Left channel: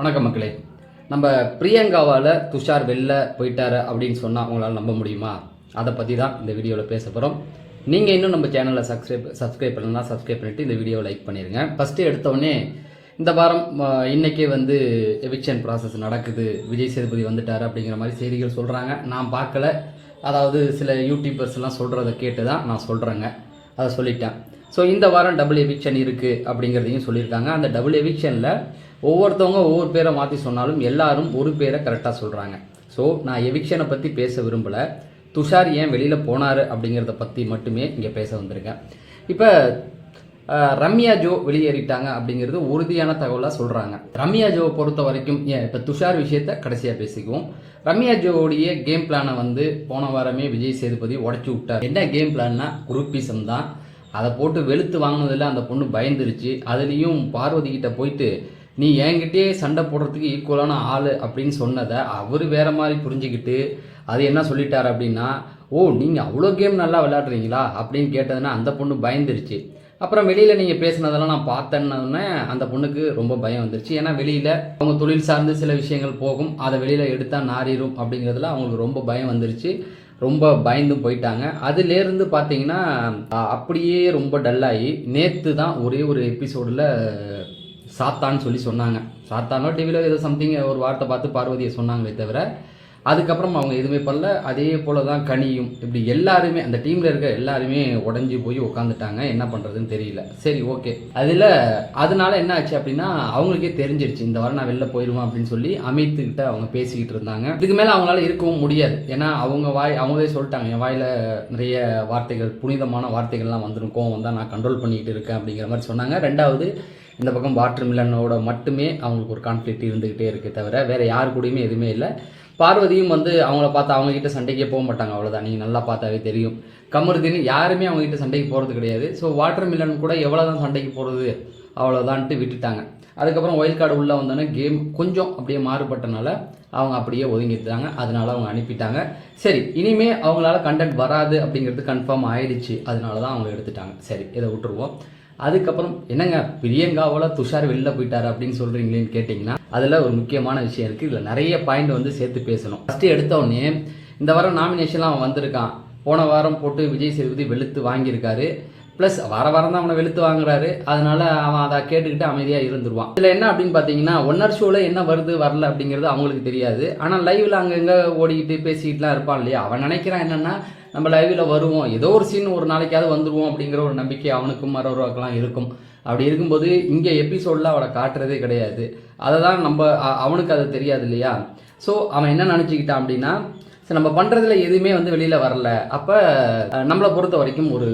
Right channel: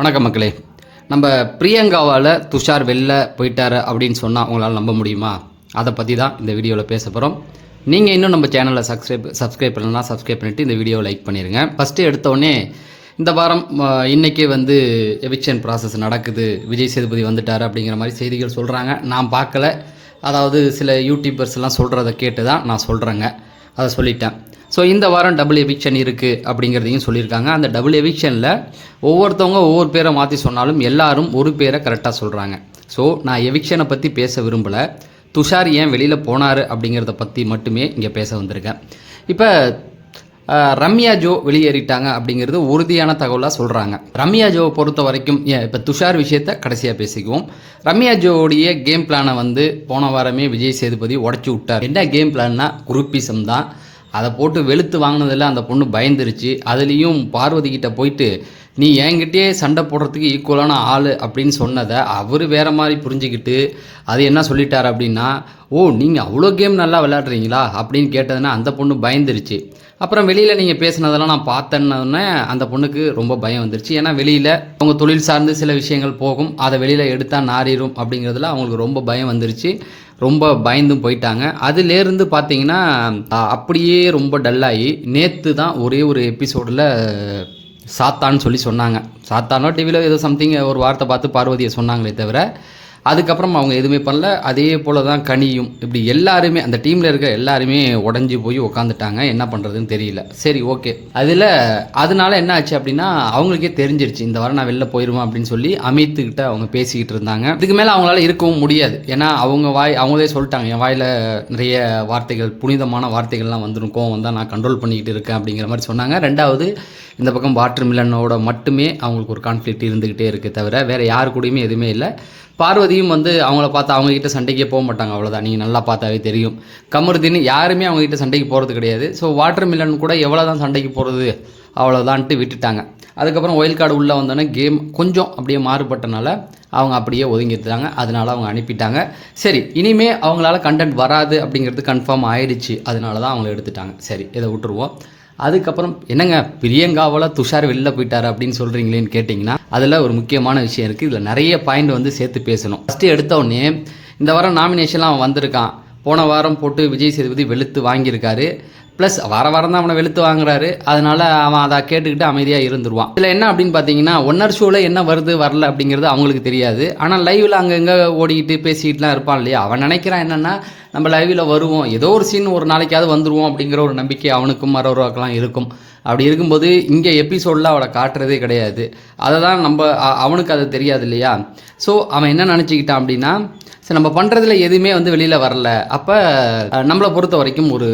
வணக்கம் மக்களே. நம்ம பிரியங்காவால் துஷார் வெளில போயிட்டார் அப்படின்னு சொன்னால் உங்களால் நம்ப முடியுமா? அதை பற்றி தான் இந்த வீடியோவில் பேச போகிறோம். நீங்கள் இன்னும் நம்ம சேனலை சப்ஸ்கிரைப் பண்ணலாம், சப்ஸ்கிரைப் பண்ணிவிட்டு இந்த வீடியோவை லைக் பண்ணிடுங்க. ஃபஸ்ட்டு எடுத்தோடனே இந்த வாரம் இன்றைக்கே எவிக்ஷன் ப்ராசஸ் நடக்குது, விஜய் சேதுபதி வந்துட்டார் அப்படிங்கிற மாதிரி செய்திகள் சொல்கிறாங்க. நான் பார்க்கல, அதாவது சில யூடியூபர்ஸ் எல்லாம் சொல்கிறத கேட்டு தான் நான் சொல்கிறேங்க, அதை சொல்லிட்டேன். ஸோ இந்த வாரம் டபுள் எவிக்ஷன் இருக்குது அப்படிங்கிறதையும் சொல்லியிருக்காங்க. அந்த டபுள் எவிக்ஷனில் ஒவ்வொருத்தவங்க ஒவ்வொரு பேரை மாற்றி சொன்னாலும் எல்லாரும் ஒரு பேரை கரெக்டாக சொல்கிறாங்க. ஸோ நான் எவிக்ஷனை பற்றி பேச விரும்பலை, துஷார் ஏன் வெளியில் போனார் அப்படிங்கிறத பற்றி மட்டுமே இங்கே பேச வந்திருக்கேன். இப்போ ரம்யா ஜோ வெளியேறிட்டாங்க அப்படிங்கிறது உறுதியான தகவலாக சொல்கிறாங்க. ரம்யா ஜோவை பொறுத்த வரைக்கும் இப்போ துஷார் விஷயத்தை கடைசியாக பேசிக்குவோம். ரம்யா ஜோவுடைய கேம் பிளானை போன வாரமே விஜய் சேதுபதி உடச்சி விட்டார். என்ன கேம் பிளான்னா குரூப்பிசம் தான். அதை போட்டு வெளுத்து வாங்கினதில் அந்த பொண்ணு பயந்துருச்சு. அதுலேயும் பார்வதி கிட்ட போயிட்டு நீ என்கிட்டே சண்டை போடுறதுக்கு ஈக்குவலான ஆள் அப்படின்னு சொன்னதை அவர் வேறு மாதிரி புரிஞ்சுக்கிட்டு அது என்ன சொல்லிட்டார் அப்படின்னா, ஓ நீங்கள் அவ்வளோ கேம் நல்லா விளையாடுறீங்களா அப்படின்னு கேட்டதுன்னா அந்த பொண்ணு பயந்துருச்சு. அப்புறம் வெளியில் நீங்கள் பேசினதெல்லாம் நான் பார்த்தேன்னொன்னே அந்த பொண்ணுக்கு ரொம்ப பயம் வந்துருச்சு. ஏன்னா வெளியில் அவங்க தொழில் சார்ந்து சில விஷயங்கள் போகும், அதை வெளியில் எடுத்தால் நாரிடும் அப்படிங்கிறதுல அவங்களுக்கு ரொம்ப பயம் வந்துருச்சு. ரொம்ப பயந்தும் போயிட்டாங்க. அதுலேருந்து பார்த்தீங்கன்னா அப்படியே ரொம்ப டல்லாகி நேற்று தான் ஒரே ஒரு எபிசோடில் சாத்தான்னு சொல்லி சொன்னாங்க. சாத்தானோ டிவியில் ஏதோ சம்திங் ஒரு வார்த்தை பார்த்து பார்வதியை சொன்னாங்களே தவிர அதுக்கப்புறம் அவங்க எதுவுமே பண்ணல. அதே போல் தான் கனியும், இப்படி எல்லாருமே அந்த டீமில் இருக்கிற எல்லாருமே உடஞ்சி போய் உக்காந்துட்டாங்க. என்ன பண்ணுறதுன்னு தெரியல. சரி, ஓகே. அதனால என்ன ஆச்சு அப்படின்னா அவங்களுக்கே தெரிஞ்சிருச்சு இந்த வாரம் நான் வெளில போயிடுவேன் அப்படின்னு சொல்லி அமித்துக்கிட்ட அவங்க பேசிக்கிட்டு இருந்தாங்க. இதுக்கு மேலே அவங்களால இருக்கவும் முடியாது. ஏன்னா அவங்களே சொல்லிட்டாங்க, என் வாயில் நிறைய வார்த்தைகள், புனிதமான வார்த்தைகள்லாம் வந்துருக்கும், வந்தால் நான் கண்ட்ரோல் பண்ணிக்கிட்டு இருக்கேன் அப்படிங்கிற மாதிரி சொன்னாங்க. ரெண்டாவது, இந்த பக்கம் வாட்டர் மில்லனோட மட்டுமே அவங்களுக்கு ஒரு கான்ஃப்ளிக்ட் இருந்துக்கிட்டே இருக்குது, தவிர வேறு யாரு கூடயுமே எதுவுமே இல்லை. பார்வதியும் அவங்கள பார்த்து அவங்ககிட்ட சண்டைக்கே போக மாட்டாங்க, அவ்வளோதான். நீங்கள் நல்லா பார்த்தாவே தெரியும். கமருதீன் யாருமே அவங்ககிட்ட சண்டைக்கு போகிறது கிடையாது. ஸோ வாட்டர் மில்லன் கூட எவ்வளோ தான் சண்டைக்கு போகிறது அவ்வளோதான்ட்டு விட்டுட்டாங்க. அதுக்கப்புறம் ஒயில் கார்டு உள்ளே வந்தோன்னே கேம் கொஞ்சம் அப்படியே மாறுபட்டனால அவங்க அப்படியே ஒதுங்கிட்டாங்க. அதனால அவங்க அனுப்பிட்டாங்க. சரி, இனிமே அவங்களால கண்டென்ட் வராது அப்படிங்கிறது கன்ஃபார்ம் ஆயிடுச்சு. அதனால தான் அவங்கள எடுத்துட்டாங்க. சரி, இதை விட்டுருவோம். அதுக்கப்புறம் என்னங்க பிரியங்காவால் துஷார் வெளில போயிட்டார் அப்படின்னு சொல்கிறீங்களேன்னு கேட்டிங்கன்னா அதில் ஒரு முக்கியமான விஷயம் இருக்குது. இதில் நிறைய பாயிண்ட் சேர்த்து பேசணும். ஃபஸ்ட்டு எடுத்தோடனே இந்த வாரம் நாமினேஷன்லாம் அவன் வந்திருக்கான். போன வாரம் போட்டு விஜய் சேதுபதி வெளுத்து வாங்கியிருக்காரு. ப்ளஸ் வாரம் தான் அவனை வெளுத்து வாங்குறாரு. அதனால் அவன் அதை கேட்டுக்கிட்டு அமைதியாக இருந்துருவான். இதில் என்ன அப்படின்னு பார்த்தீங்கன்னா ஒன்னர் ஷோவில் என்ன வருது வரல அப்படிங்கிறது அவங்களுக்கு தெரியாது. ஆனால் லைவில் அங்கங்கே ஓடிக்கிட்டு பேசிக்கிட்டுலாம் இருப்பான் இல்லையா, அவன் நினைக்கிறான் என்னென்னா நம்ம லைவில் வருவோம், ஏதோ ஒரு சீன் ஒரு நாளைக்காவது வந்துடுவோம் அப்படிங்கிற ஒரு நம்பிக்கை அவனுக்கும் மரோருவாக்கெல்லாம் இருக்கும். அப்படி இருக்கும்போது இங்கே எபிசோடில் அவளை காட்டுறதே கிடையாது. அதை தான் அவனுக்கு அது தெரியாது இல்லையா. ஸோ அவன் என்ன நினச்சிக்கிட்டான் அப்படின்னா, சரி நம்ம பண்ணுறதுல எதுவுமே வெளியில் வரல, அப்போ நம்மளை பொறுத்த வரைக்கும் ஒரு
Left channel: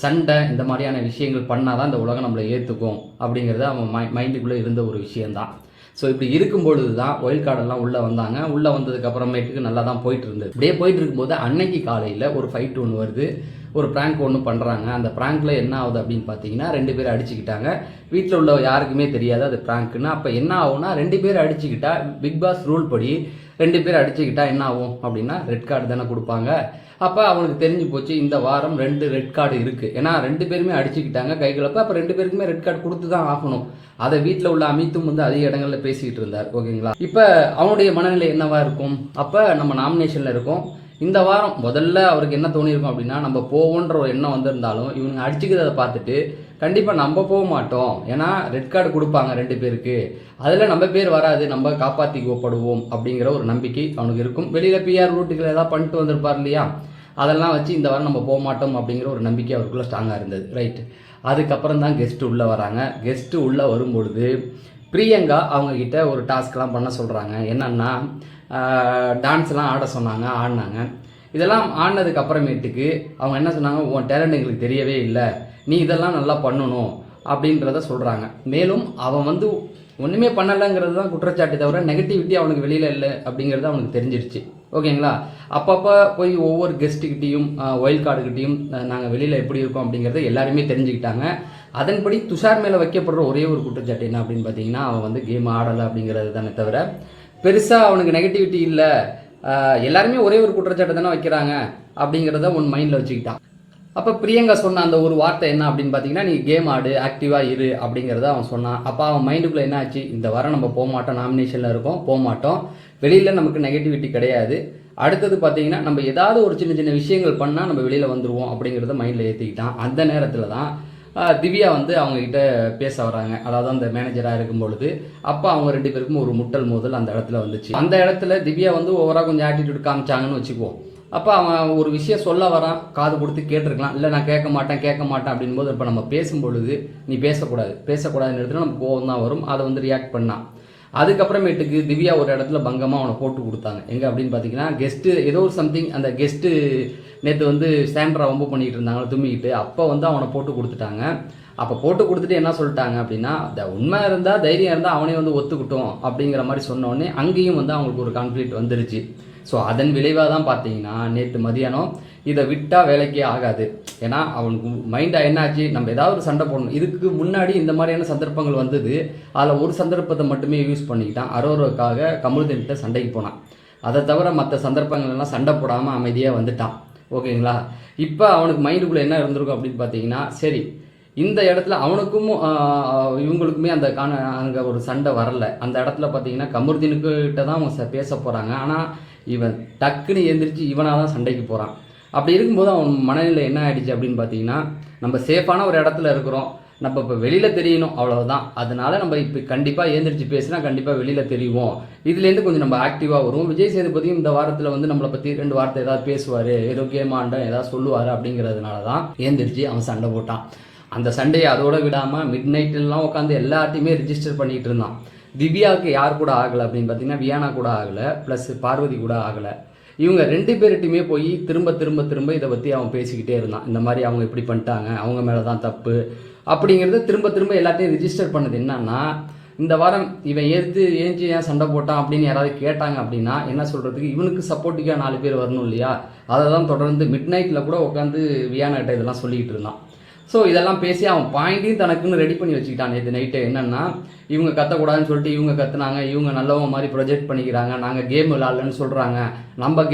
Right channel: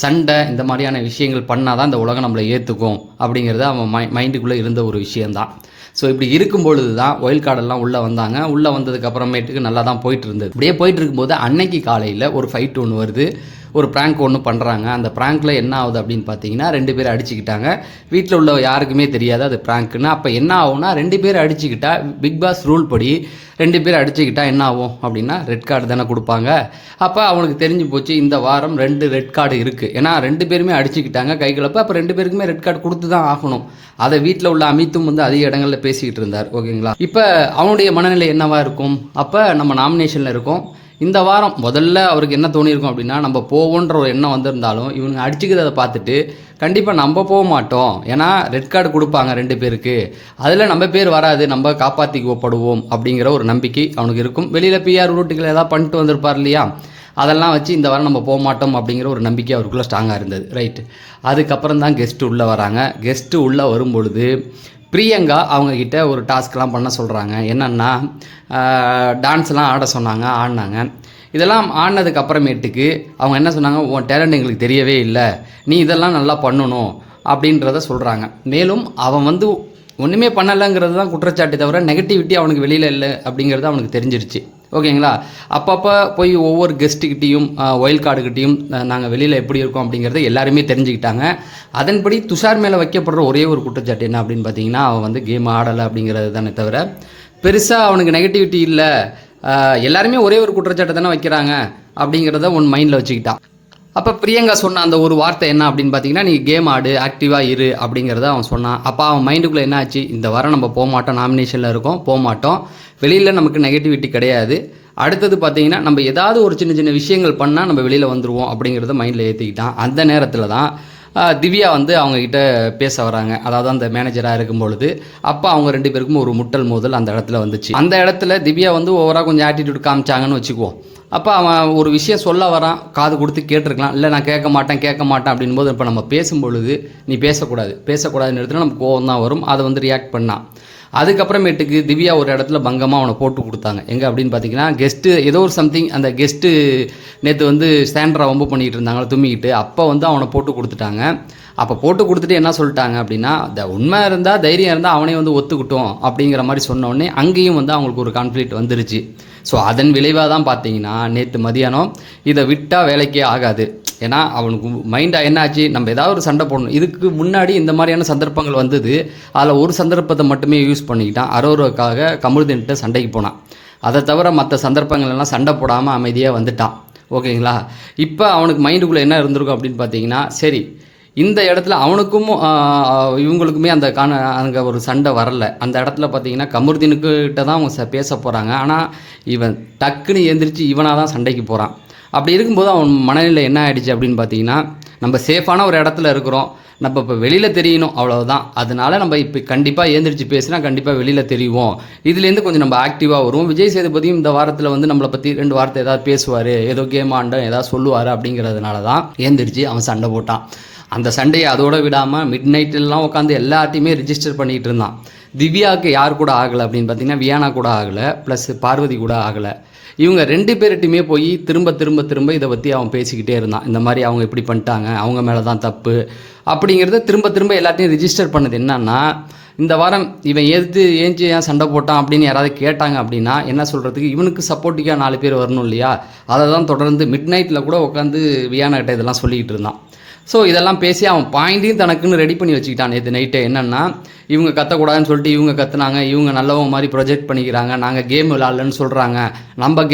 சண்டை இந்த மாதிரியான விஷயங்கள் பண்ணால் தான் இந்த உலகம் நம்மளை ஏற்றுக்கும் அப்படிங்கிறது அவன் மைண்டுக்குள்ளே இருந்த ஒரு விஷயந்தான். ஸோ இப்படி இருக்கும்பொழுது தான் ஒயில் கார்டெல்லாம் உள்ளே வந்தாங்க. உள்ளே வந்ததுக்கு அப்புறமேட்டுக்கு நல்லா தான் போயிட்டு இருந்தது. இப்படியே போயிட்டு இருக்கும்போது அன்னைக்கு காலையில் ஒரு ஃபைட் ஒன்று வருது, ஒரு ப்ராங்க் ஒன்று பண்ணுறாங்க. அந்த ப்ராங்க்கில் என்ன ஆகுது அப்படின்னு பார்த்தீங்கன்னா 2 பேர் அடிச்சுக்கிட்டாங்க. வீட்டில் உள்ள யாருக்குமே தெரியாது அது ப்ராங்க்குன்னு. அப்போ என்ன ஆகும்னா 2 பேர் அடிச்சுக்கிட்டா பிக் பாஸ் ரூல் படி 2 பேர் அடிச்சுக்கிட்டா என்ன ஆகும் அப்படின்னா ரெட் கார்டு தானே கொடுப்பாங்க. அப்போ அவனுக்கு தெரிஞ்சு போச்சு இந்த வாரம் 2 ரெட் கார்டு இருக்குது. ஏன்னா 2 பேருமே அடிச்சுக்கிட்டாங்க கைகளப்போ. அப்போ 2 பேருக்குமே ரெட் கார்டு கொடுத்து தான் ஆகணும். அதை வீட்டில் உள்ள அமித்தும் அதிக இடங்களில் பேசிக்கிட்டு இருந்தார். ஓகேங்களா. இப்போ அவனுடைய மனநிலை என்னவாக இருக்கும்? அப்போ நம்ம நாமினேஷனில் இருக்கோம். இந்த வாரம் முதல்ல அவருக்கு என்ன தோணியிருக்கும் அப்படின்னா, நம்ம போவோன்ற ஒரு எண்ணம் வந்திருந்தாலும் இவங்க அடிச்சுக்கிறத பார்த்துட்டு கண்டிப்பாக நம்ம போக மாட்டோம், ஏன்னா ரெட் கார்டு கொடுப்பாங்க 2 பேருக்கு, அதில் நம்ம பேர் வராது, நம்ம காப்பாற்றிக்கப்படுவோம் அப்படிங்கிற ஒரு நம்பிக்கை அவனுக்கு இருக்கும். வெளியில் பிஆர் ரூட்டுகள் ஏதாவது பண்ணிட்டு வந்திருப்பார் இல்லையா, அதெல்லாம் வச்சு இந்த வாரம் நம்ம போக மாட்டோம் அப்படிங்கிற ஒரு நம்பிக்கை அவருக்குள்ளே ஸ்ட்ராங்காக இருந்தது. ரைட்டு. அதுக்கப்புறம் தான் கெஸ்ட்டு உள்ளே வராங்க. கெஸ்ட்டு உள்ளே வரும்பொழுது பிரியங்கா அவங்கக்கிட்ட ஒரு டாஸ்க்லாம் பண்ண சொல்கிறாங்க. என்னென்னா டான்ஸ்லாம் ஆட சொன்னாங்க, ஆடினாங்க. இதெல்லாம் ஆடினதுக்கு அப்புறமேட்டுக்கு அவங்க என்ன சொன்னாங்க, உன் டேலண்ட் எங்களுக்கு தெரியவே இல்லை, நீ இதெல்லாம் நல்லா பண்ணணும் அப்படின்றத சொல்கிறாங்க. மேலும் அவன் ஒன்றுமே பண்ணலைங்கிறது தான் குற்றச்சாட்டை தவிர நெகட்டிவிட்டி அவனுக்கு வெளியில் இல்லை அப்படிங்கிறது அவனுக்கு தெரிஞ்சிருச்சு. ஓகேங்களா. அப்பப்போ போய் ஒவ்வொரு கெஸ்ட்டுக்கிட்டையும் ஒயில் கார்டுக்கிட்டையும் நாங்கள் வெளியில் எப்படி இருக்கோம் அப்படிங்கிறத எல்லாருமே தெரிஞ்சுக்கிட்டாங்க. அதன்படி துஷார் மேலே வைக்கப்படுற ஒரே ஒரு குற்றச்சாட்டு என்ன அப்படின்னு பார்த்தீங்கன்னா, அவன் கேம் ஆடலை அப்படிங்கிறது தானே தவிர பெருசாக அவனுக்கு நெகட்டிவிட்டி இல்லை. எல்லாருமே ஒரே ஒரு குற்றச்சாட்டு தானே வைக்கிறாங்க அப்படிங்கிறத மைண்டில் வச்சுக்கிட்டான். அப்போ பிரியங்கா சொன்ன அந்த ஒரு வார்த்தை என்ன அப்படின்னு பார்த்தீங்கன்னா, நீ கேம் ஆடு, ஆக்டிவாக இரு அப்படிங்கிறத அவன் சொன்னான். அப்போ அவன் மைண்டுக்குள்ளே என்ன ஆச்சு, இந்த வாரம் நம்ம போக மாட்டோம், நாமினேஷனில் இருக்கோம், போக மாட்டோம், வெளியில் நமக்கு நெகட்டிவிட்டி கிடையாது, அடுத்தது பார்த்தீங்கன்னா நம்ம ஏதாவது ஒரு சின்ன சின்ன விஷயங்கள் பண்ணால் நம்ம வெளியில் வந்துடுவோம் அப்படிங்கிறத மைண்டில் ஏற்றிக்கிட்டான். அந்த நேரத்தில் தான் திவ்யா வந்து அவங்கக்கிட்ட பேச வராங்க, அதாவது அந்த மேனேஜராக இருக்கும் பொழுது. அப்போ அவங்க 2 பேருக்கும் ஒரு முட்டல் மோதல் அந்த இடத்துல வந்துச்சு. அந்த இடத்துல திவ்யா வந்து ஓவராக கொஞ்சம் ஆட்டிடியூட் காமிச்சாங்கன்னு வச்சுக்குவோம். அப்போ அவன் ஒரு விஷயம் சொல்ல வரான், காது கொடுத்து கேட்டிருக்கலாம், இல்லை நான் கேட்க மாட்டேன் அப்படின்போது இப்போ நம்ம பேசும்பொழுது நீ பேசக்கூடாதுன்னு இடத்துல நமக்கு கோவம் தான் வரும். அதை வந்து ரியாக்ட் பண்ணான். அதுக்கப்புறமேட்டுக்கு திவ்யா ஒரு இடத்துல பங்கமாக அவனை போட்டு கொடுத்தாங்க. எங்கே அப்படின்னு பார்த்தீங்கன்னா, கெஸ்ட்டு ஏதோ ஒரு சம்திங், அந்த கெஸ்ட்டு நேற்று வந்து ஸ்டாண்டரா வம்பு பண்ணிகிட்டு இருந்தாங்களா தும்மிக்கிட்டு, அப்போ வந்து அவனை போட்டு கொடுத்துட்டாங்க. அப்போ போட்டு கொடுத்துட்டு என்ன சொல்லிட்டாங்க அப்படின்னா, உண்மை இருந்தால் தைரியம் இருந்தால் அவனையும் வந்து ஒத்துக்கிட்டோம் அப்படிங்கிற மாதிரி சொன்னோடனே அங்கேயும் வந்து அவங்களுக்கு ஒரு கான்ஃப்ளிக்ட் வந்துருச்சு. ஸோ அதன் விளைவாக தான் பார்த்தீங்கன்னா நேற்று மதியானம் இதை விட்டால் வேலைக்கே ஆகாது. ஏன்னா அவனுக்கு மைண்டாக என்னாச்சு, நம்ம ஏதாவது ஒரு சண்டை போடணும். இதுக்கு முன்னாடி இந்த மாதிரியான சந்தர்ப்பங்கள் வந்தது. அதில் ஒரு சந்தர்ப்பத்தை மட்டுமே யூஸ் பண்ணிக்கிட்டான். அரோராவுக்காக கமருதீன்கிட்ட சண்டைக்கு போனான். அதை தவிர மற்ற சந்தர்ப்பங்கள்லாம் சண்டை போடாமல் அமைதியாக வந்துட்டான். ஓகேங்களா? இப்போ அவனுக்கு மைண்டுக்குள்ளே என்ன இருந்திருக்கும் அப்படின்னு பார்த்தீங்கன்னா, சரி இந்த இடத்துல அவனுக்கும் இவங்களுக்குமே அங்கே ஒரு சண்டை வரல. அந்த இடத்துல பார்த்தீங்கன்னா கமருதீனுக்கிட்ட தான் அவங்க பேச போகிறாங்க. ஆனால் இவன் டக்குன்னு எந்திரிச்சு இவனாக தான் சண்டைக்கு போகிறான். அப்படி இருக்கும்போது அவன் மனநிலை என்ன ஆகிடுச்சு அப்படின்னு பார்த்தீங்கன்னா, நம்ம சேஃபான ஒரு இடத்துல இருக்கிறோம், நம்ம இப்போ வெளியில் தெரியணும், அவ்வளோதான். அதனால நம்ம இப்போ கண்டிப்பாக ஏந்திரிச்சு பேசினா கண்டிப்பாக வெளியில் தெரியும், இதுலேருந்து கொஞ்சம் நம்ம ஆக்டிவாக வரும். விஜய் சேதுபதியும் இந்த வாரத்தில் வந்து நம்மளை பற்றி 2 வார்த்தை ஏதாவது பேசுவார், ஏதோ கேம் ஆண்டோம் ஏதாவது சொல்லுவார் அப்படிங்கிறதுனால தான் ஏந்திரிச்சு அவன் சண்டை போட்டான். அந்த சண்டையை அதோடு விடாமல் மிட் நைட்லாம் உட்காந்து எல்லாத்தையுமே ரிஜிஸ்டர் பண்ணிகிட்டு இருந்தான். திவ்யாவுக்கு யார் கூட ஆகலை அப்படின்னு பார்த்தீங்கன்னா, வியானா கூட ஆகலை, ப்ளஸ் பார்வதி கூட ஆகலை. இவங்க 2 பேர்கிட்டையுமே போய் திரும்ப இதை பற்றி அவன் பேசிக்கிட்டே இருந்தான். இந்த மாதிரி அவங்க இப்படி பண்ணிட்டாங்க, அவங்க மேலே தான் தப்பு அப்படிங்கிறத திரும்ப எல்லாத்தையும் ரிஜிஸ்டர் பண்ணது. என்னன்னா, இந்த வாரம் இவன் ஏன் சண்டை போட்டான் அப்படின்னு யாராவது கேட்டாங்க அப்படின்னா என்ன சொல்கிறதுக்கு, இவனுக்கு சப்போர்ட்டிவாக 4 பேர் வரணும் இல்லையா? அதை தான் தொடர்ந்து மிட் நைட்டில் கூட உட்காந்து வியானா கிட்ட இதெல்லாம் சொல்லிக்கிட்டு இருந்தான். ஸோ இதெல்லாம் பேசி அவன் பாயிண்ட்டையும் தனக்குன்னு ரெடி பண்ணி வச்சுக்கிட்டான். நேற்று நைட்டு என்னென்னா, இவங்க கத்தக்கூடாதுன்னு சொல்லிட்டு இவங்க கத்துனாங்க, இவங்க நல்லவங்க மாதிரி ப்ரொஜெக்ட் பண்ணிக்கிறாங்க, நாங்கள் கேம் விளாட்லன்னு சொல்கிறாங்க, நாங்கள்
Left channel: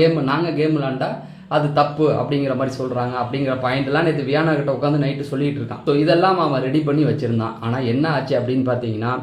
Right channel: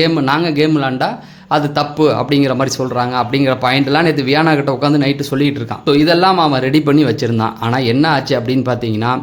கேம் விளாண்டா அது தப்பு அப்படிங்கிற மாதிரி சொல்கிறாங்க அப்படிங்கிற பாயிண்ட்லாம் நேற்று வியானா கிட்ட உட்காந்து நைட்டு சொல்லிகிட்டு இருக்கான். ஸோ இதெல்லாம் அவன் ரெடி பண்ணி வச்சுருந்தான். ஆனால் என்ன ஆச்சு அப்படின்னு பார்த்தீங்கன்னா,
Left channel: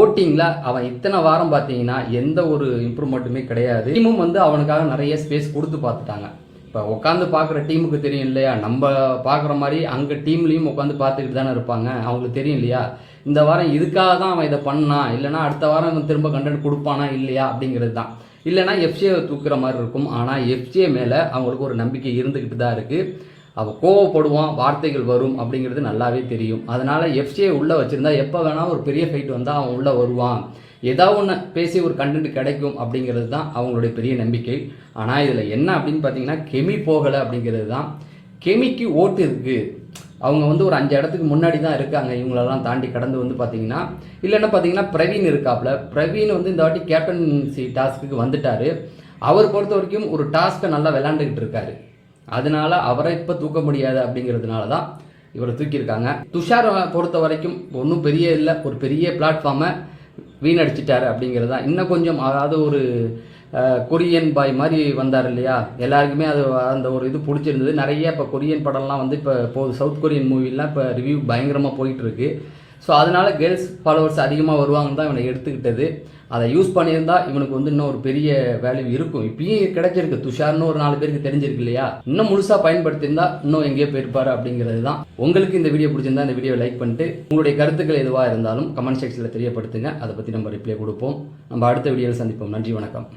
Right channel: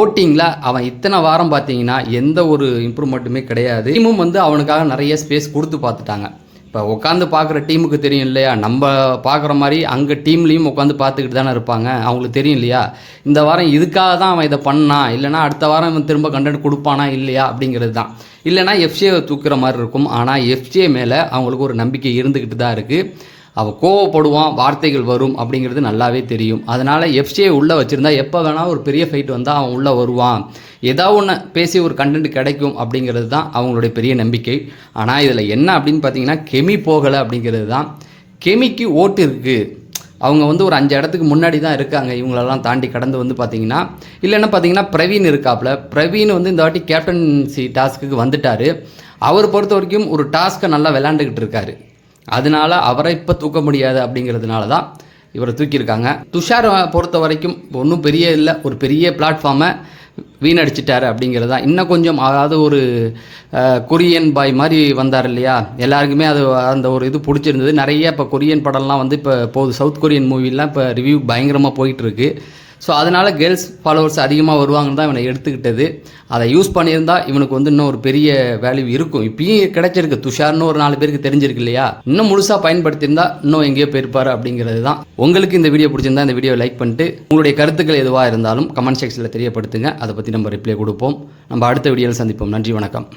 ஓட்டிங்கில் அவன் இத்தனை வாரம் பார்த்தீங்கன்னா எந்த ஒரு இம்ப்ரூவ்மெண்ட்டுமே கிடையாது. டீமும் வந்து அவனுக்காக நிறைய ஸ்பேஸ் கொடுத்து பார்த்துட்டாங்க. இப்போ உட்காந்து பார்க்குற டீமுக்கு தெரியும் இல்லையா, நம்ம பார்க்குற மாதிரி அங்கே டீம்லேயும் உட்காந்து பார்த்துக்கிட்டு தானே இருப்பாங்க, அவங்களுக்கு தெரியும் இல்லையா, இந்த வாரம் இதுக்காக தான் அவன் இதை பண்ணான், இல்லைனா அடுத்த வாரம் அவன் திரும்ப கண்டென்ட் கொடுப்பானா இல்லையா அப்படிங்கிறது தான். இல்லைனா எஃப்சியை தூக்குற மாதிரி இருக்கும். ஆனால் எஃப்சிஏ மேலே அவங்களுக்கு ஒரு நம்பிக்கை இருந்துக்கிட்டு தான் இருக்குது. அவன் கோவப்படுவான், வார்த்தைகள் வரும் அப்படிங்கிறது நல்லாவே தெரியும். அதனால் எஃப்சியை உள்ளே வச்சுருந்தா எப்போ வேணால் ஒரு பெரிய ஃபைட் வந்தால் அவன் உள்ளே வருவான், ஏதாவது ஒன்று பேசி ஒரு கண்டென்ட் கிடைக்கும் அப்படிங்கிறது தான் அவங்களுடைய பெரிய நம்பிக்கை. ஆனால் இதில் என்ன அப்படின்னு பார்த்தீங்கன்னா, கெமி போகலை அப்படிங்கிறது தான். கெமிக்கு ஓட்டு இருக்குது, அவங்க வந்து ஒரு 5 இடத்துக்கு முன்னாடி தான் இருக்காங்க. இவங்களெல்லாம் தாண்டி கடந்து வந்து பார்த்தீங்கன்னா, இல்லைன்னா பார்த்தீங்கன்னா பிரவீன் இருக்காப்புல. பிரவீன் வந்து இந்த வாட்டி கேப்டன்சி டாஸ்க்கு வந்துட்டார். அவர் பொறுத்த வரைக்கும் ஒரு டாஸ்க்கை நல்லா விளையாண்டுக்கிட்டு இருக்காரு. அதனால அவரை இப்போ தூக்க முடியாது அப்படிங்கிறதுனால தான் இவரை தூக்கியிருக்காங்க. துஷார் பொறுத்த வரைக்கும் ஒன்றும் பெரிய இல்லை, ஒரு பெரிய பிளாட்ஃபார்மை வீணடிச்சிட்டாரு அப்படிங்கிறது தான். இன்னும் கொஞ்சம் அதாவது ஒரு கொரியன் பாய் மாதிரி வந்தார் இல்லையா, எல்லாருக்குமே அது அந்த ஒரு இது பிடிச்சிருந்தது. நிறைய இப்போ கொரியன் படம்லாம் வந்து இப்போ போகுது, சவுத் கொரியன் மூவிலாம் இப்போ ரிவ்யூ பயங்கரமாக போயிட்டுருக்கு. ஸோ அதனால் கேர்ள்ஸ் ஃபாலோவர்ஸ் அதிகமாக வருவாங்கன்னு தான் இவனை எடுத்துக்கிட்டது. அதை யூஸ் பண்ணியிருந்தால் இவனுக்கு வந்து இன்னும் ஒரு பெரிய வேல்யூ இருக்கும். இப்பயும் கிடைச்சிருக்கு, துஷார்னு ஒரு 4 பேருக்கு தெரிஞ்சிருக்கு இல்லையா, இன்னும் முழுசாக பயன்படுத்தியிருந்தா இன்னும் எங்கேயோ போயிருப்பார் அப்படிங்கிறது தான். உங்களுக்கு இந்த வீடியோ பிடிச்சிருந்தா இந்த வீடியோ லைக் பண்ணிட்டு உங்களுடைய கருத்துக்கள் எதுவாக இருந்தாலும் கமெண்ட் செக்ஷனில் தெரியப்படுத்துங்க. அதை பற்றி நம்ம ரிப்ளை கொடுப்போம். நம்ம அடுத்த வீடியோவில் சந்திப்போம். நன்றி, வணக்கம்.